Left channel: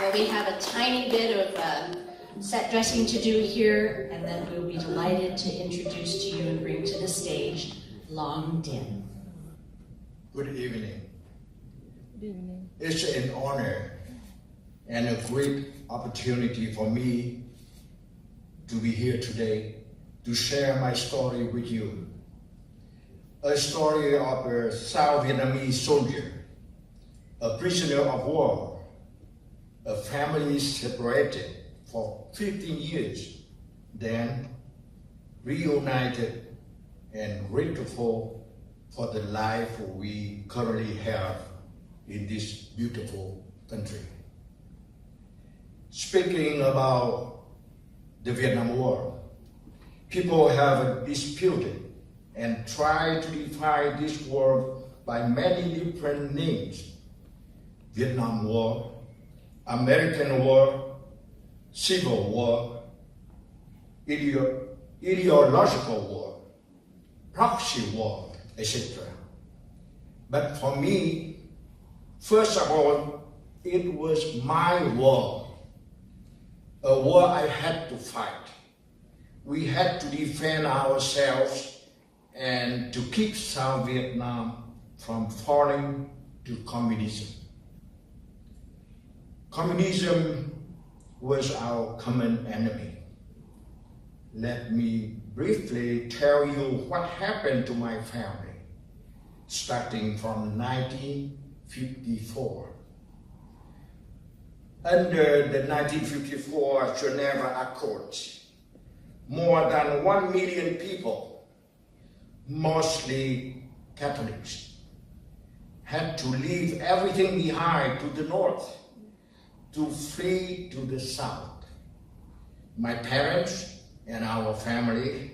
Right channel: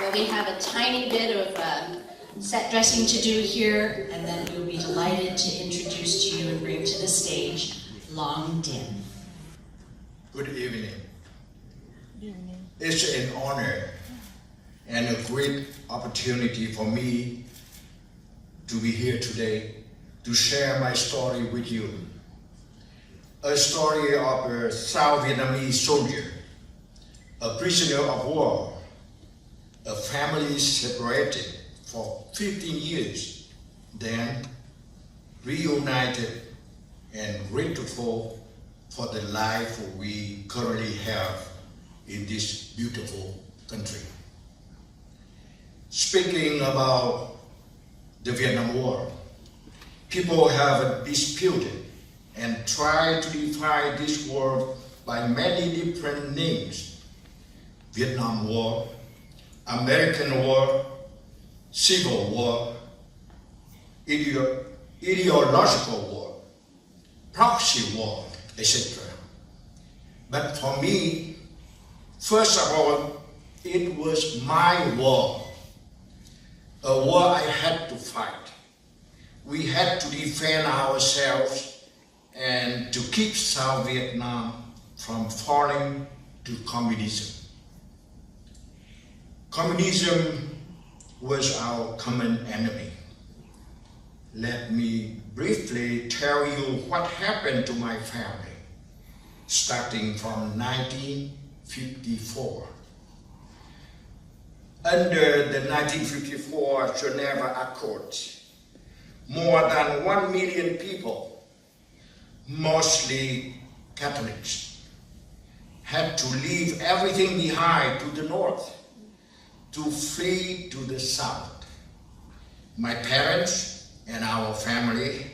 Well, we have a tiny bit of set dressing to do here, and then we'll be delighted to introduce to you and bring to the stage Long Dinh. Good evening. It's an honor and a great opportunity for me to be here today to share my story with you. A story of a South Vietnamese soldier, a prisoner of war, a family separated for 15 years, then reunited and grateful for the life we currently have in this beautiful country. Speaking about the Vietnam War, people have disputed and tried to define this war by many different names: Vietnam War, American War, Civil War, ideological war, proxy war, etc. But for me, first of all, it was my war, a war I had to fight. We had to defend ourselves and to keep South Vietnam from falling to communism. Communism was our common enemy. Let me briefly tell you what happened to my family, starting from 1954. Under the 1954 Geneva Accords, more than 1 million people, mostly Catholics, had to leave everything behind to the north to flee to the south. My parents and our family,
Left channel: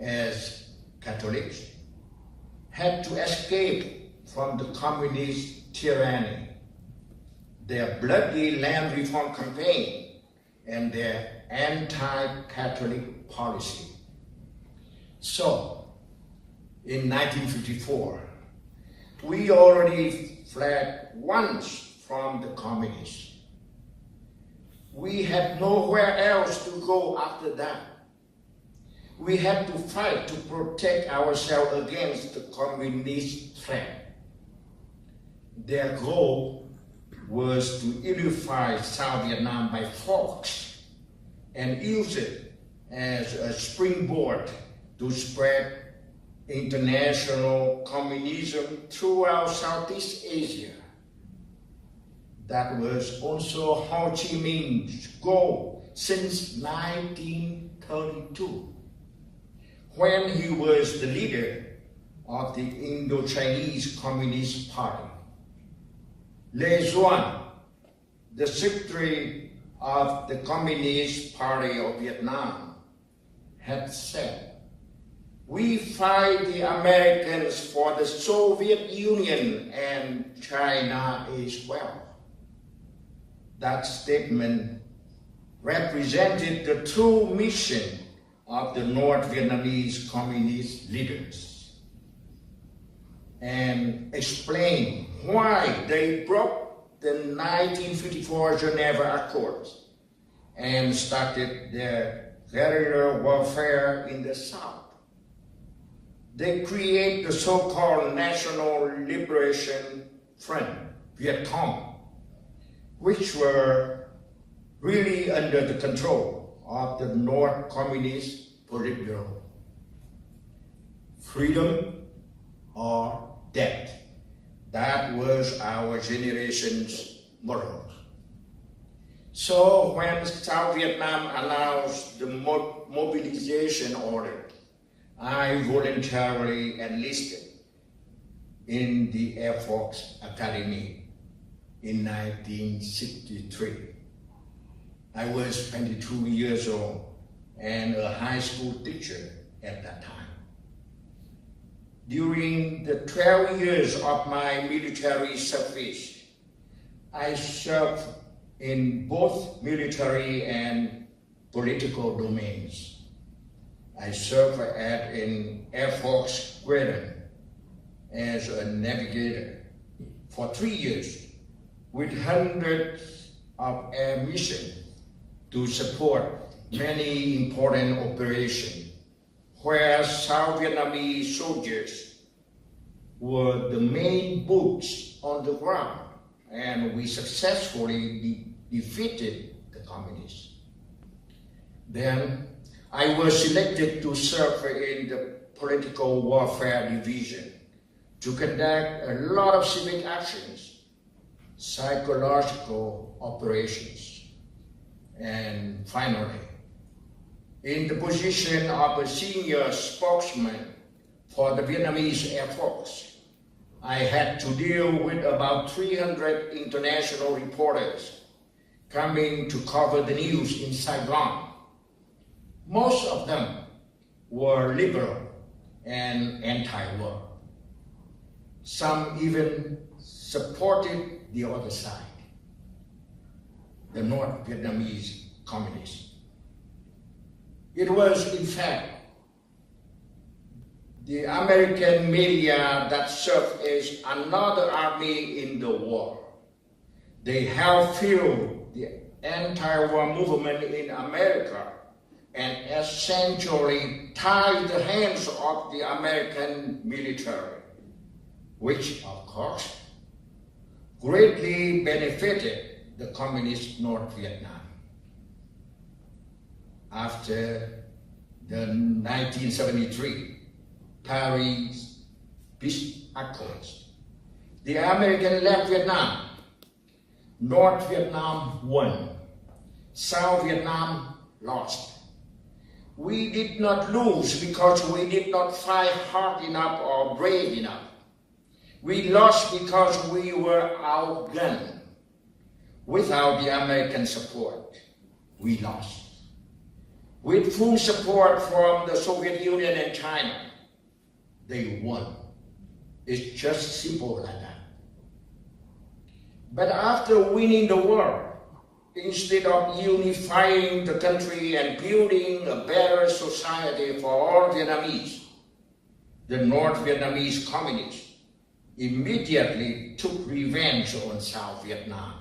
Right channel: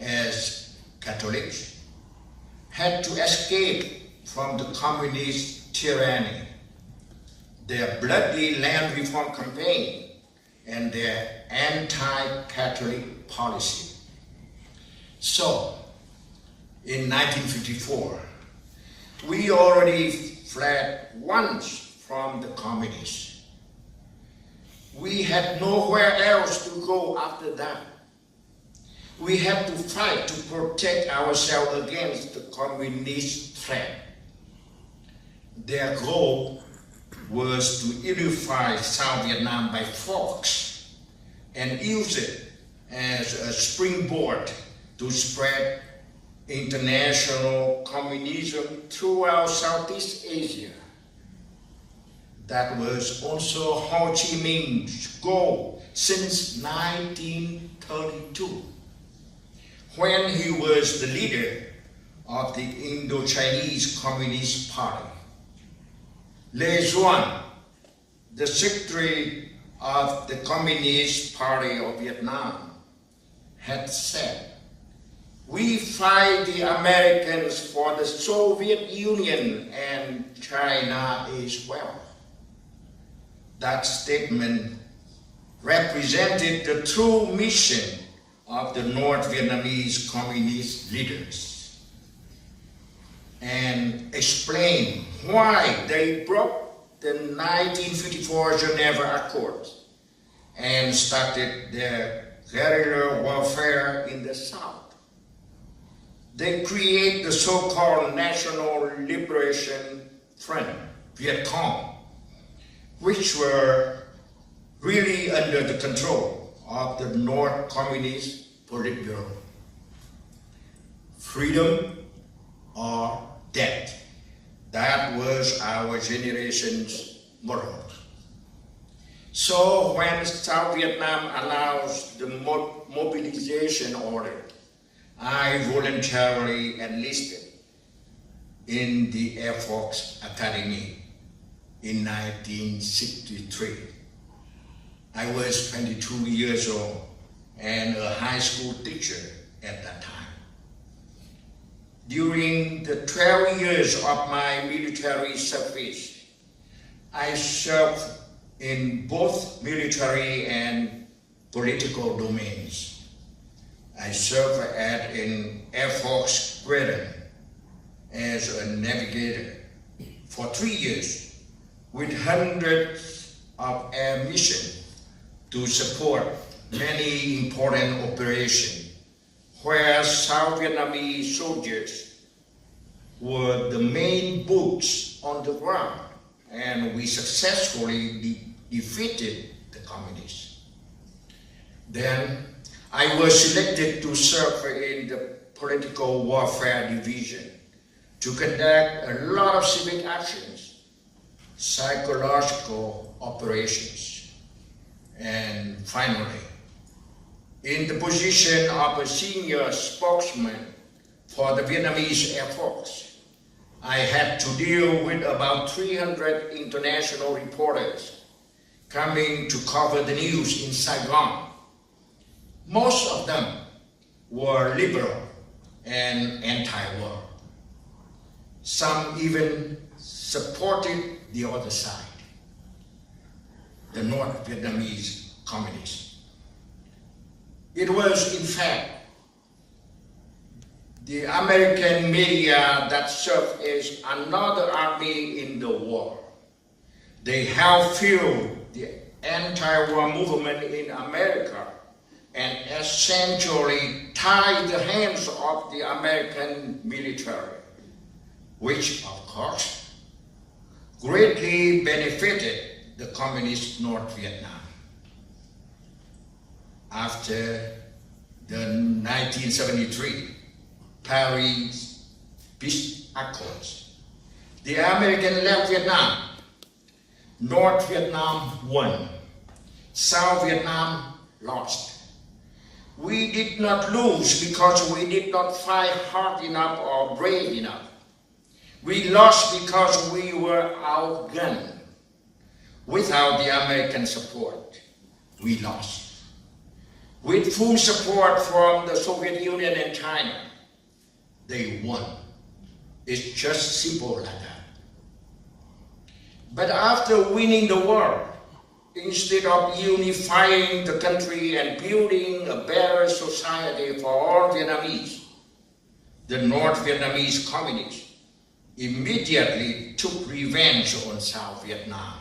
as Catholics, had to escape from the communist tyranny, their bloody land reform campaign, and their anti-Catholic policy. So, in 1954, we already fled once from the communists. We had nowhere else to go after that. We had to fight to protect ourselves against the communist threat. Their goal was to unify South Vietnam by force and use it as a springboard to spread international communism throughout Southeast Asia. That was also Ho Chi Minh's goal since 1932, when he was the leader of the Indo-Chinese Communist Party. Le Duan, the secretary of the Communist Party of Vietnam, had said, "We fight the Americans for the Soviet Union and China as well." That statement represented the true mission of the North Vietnamese communist leaders and explained why they broke the 1954 Geneva Accords and started their guerrilla warfare in the South. They created the so-called National Liberation Front, Viet Cong, which were really under the control of the North Communist Politburo. Freedom or death, that was our generation's motto. So when South Vietnam announced the mobilization order, I voluntarily enlisted in the Air Force Academy in 1963. I was 22 years old and a high school teacher at that time. During the 12 years of my military service, I served in both military and political domains. I served at an Air Force squadron as a navigator for 3 years with hundreds of air mission to support many important operations where South Vietnamese soldiers were the main boots on the ground, and we successfully defeated the communists. Then I was selected to serve in the political warfare division to conduct a lot of civic actions, psychological operations, and finally, in the position of a senior spokesman for the Vietnamese Air Force, I had to deal with about 300 international reporters coming to cover the news in Saigon. Most of them were liberal and anti-war. Some even supported the other side, the North Vietnamese communists. It was, in fact, the American media that served as another army in the war. They helped fuel the anti-war movement in America and essentially tied the hands of the American military, which, of course, greatly benefited the communist North Vietnam. After the 1973 Paris Peace Accords, the American left Vietnam. North Vietnam won. South Vietnam lost. We did not lose because we did not fight hard enough or brave enough. We lost because we were outgunned. Without the American support, we lost. With full support from the Soviet Union and China, they won. It's just simple like that. But after winning the war, instead of unifying the country and building a better society for all Vietnamese, the North Vietnamese communists immediately took revenge on South Vietnam.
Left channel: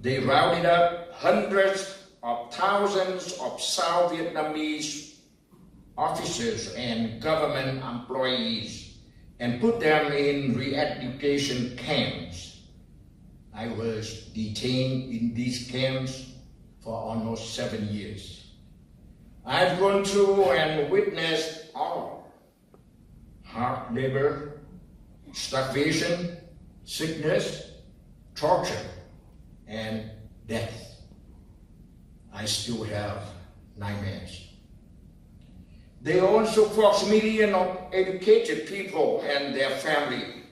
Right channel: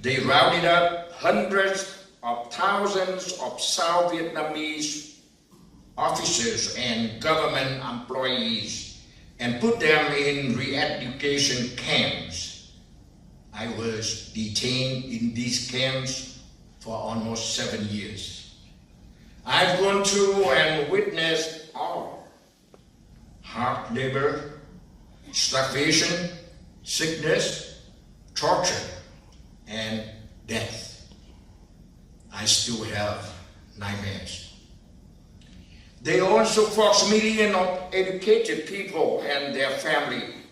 They rounded up hundreds of thousands of South Vietnamese officers and government employees and put them in re-education camps. I was detained in these camps for almost 7 years. I've gone through and witnessed all: hard labor, starvation, sickness, torture, and death. I still have nightmares. They also forced millions of educated people and their family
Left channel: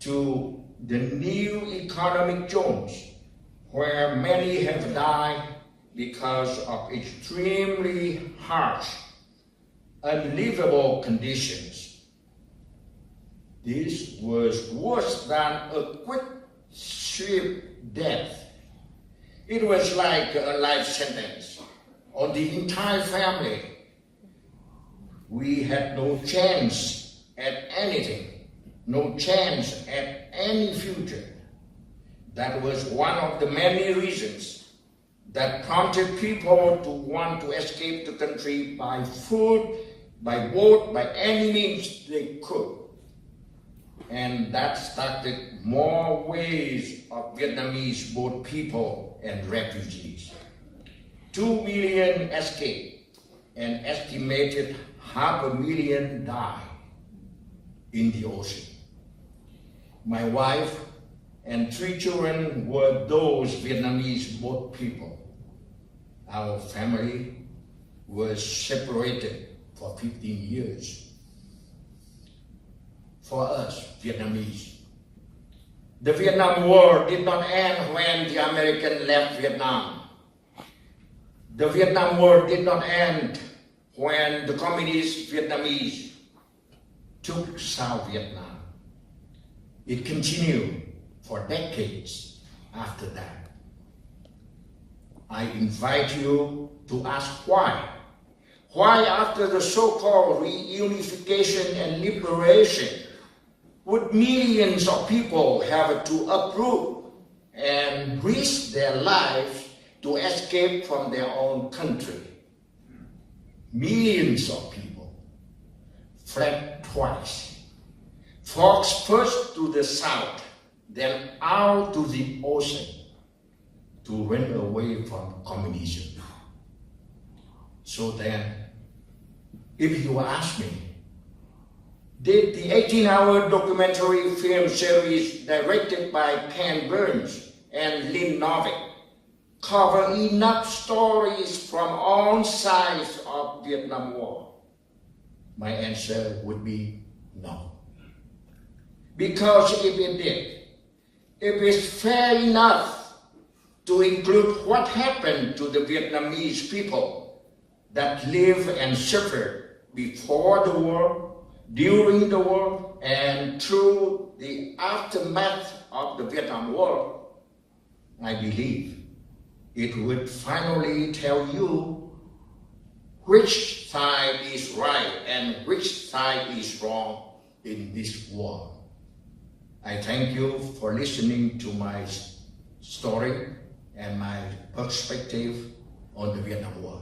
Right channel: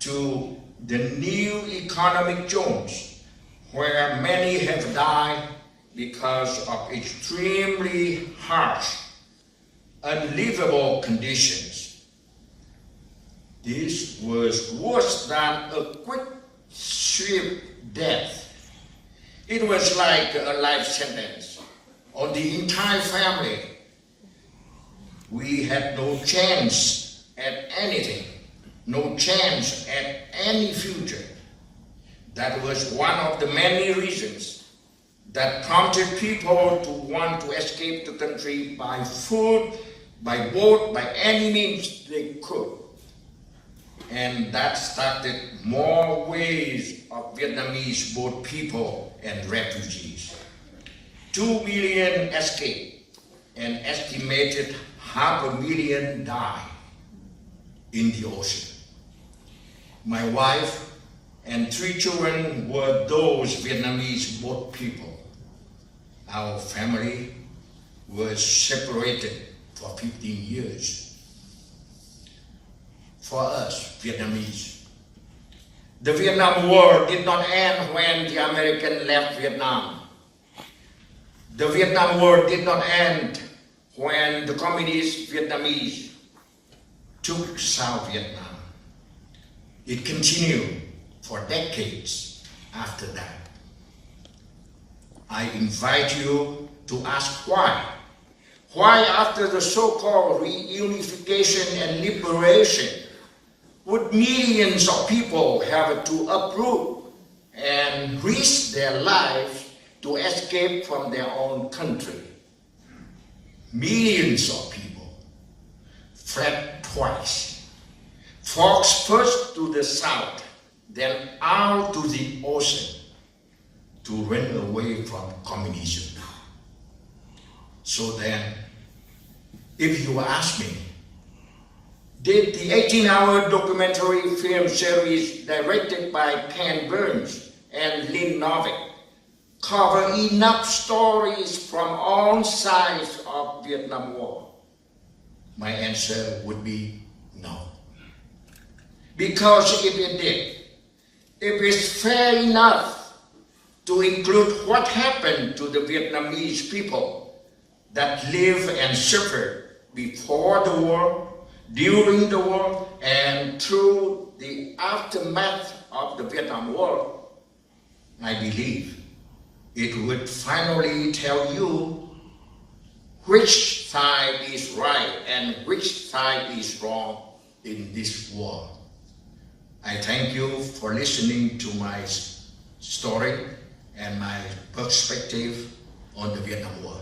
to the new economic zones, where many have died because of extremely harsh, unlivable conditions. This was worse than a quick sweep death. It was like a life sentence on the entire family. We had no chance at anything, no chance at any future. That was one of the many reasons that prompted people to want to escape the country by foot, by boat, by any means they could. And that started more waves of Vietnamese boat people and refugees. 2 million escaped, and estimated 500,000 died in the ocean. My wife and 3 children were those Vietnamese boat people. Our family was separated for 15 years. For us, Vietnamese, the Vietnam War did not end when the American left Vietnam. The Vietnam War did not end when the communist Vietnamese took South Vietnam. It continued for decades after that. I invite you to ask why. Why, after the so-called reunification and liberation, would millions of people have to uproot and risked their lives to escape from their own country. Millions of people fled twice. Folks first to the south, then out to the ocean to run away from communism. So then, if you ask me, did the 18-hour documentary film series directed by Ken Burns and Lynn Novick cover enough stories from all sides of Vietnam War? My answer would be no. Because if it did, it is fair enough to include what happened to the Vietnamese people that lived and suffered before the war, during the war, and through the aftermath of the Vietnam War. I believe it would finally tell you which side is right and which side is wrong in this war. I thank you for listening to my story and my perspective on the Vietnam War.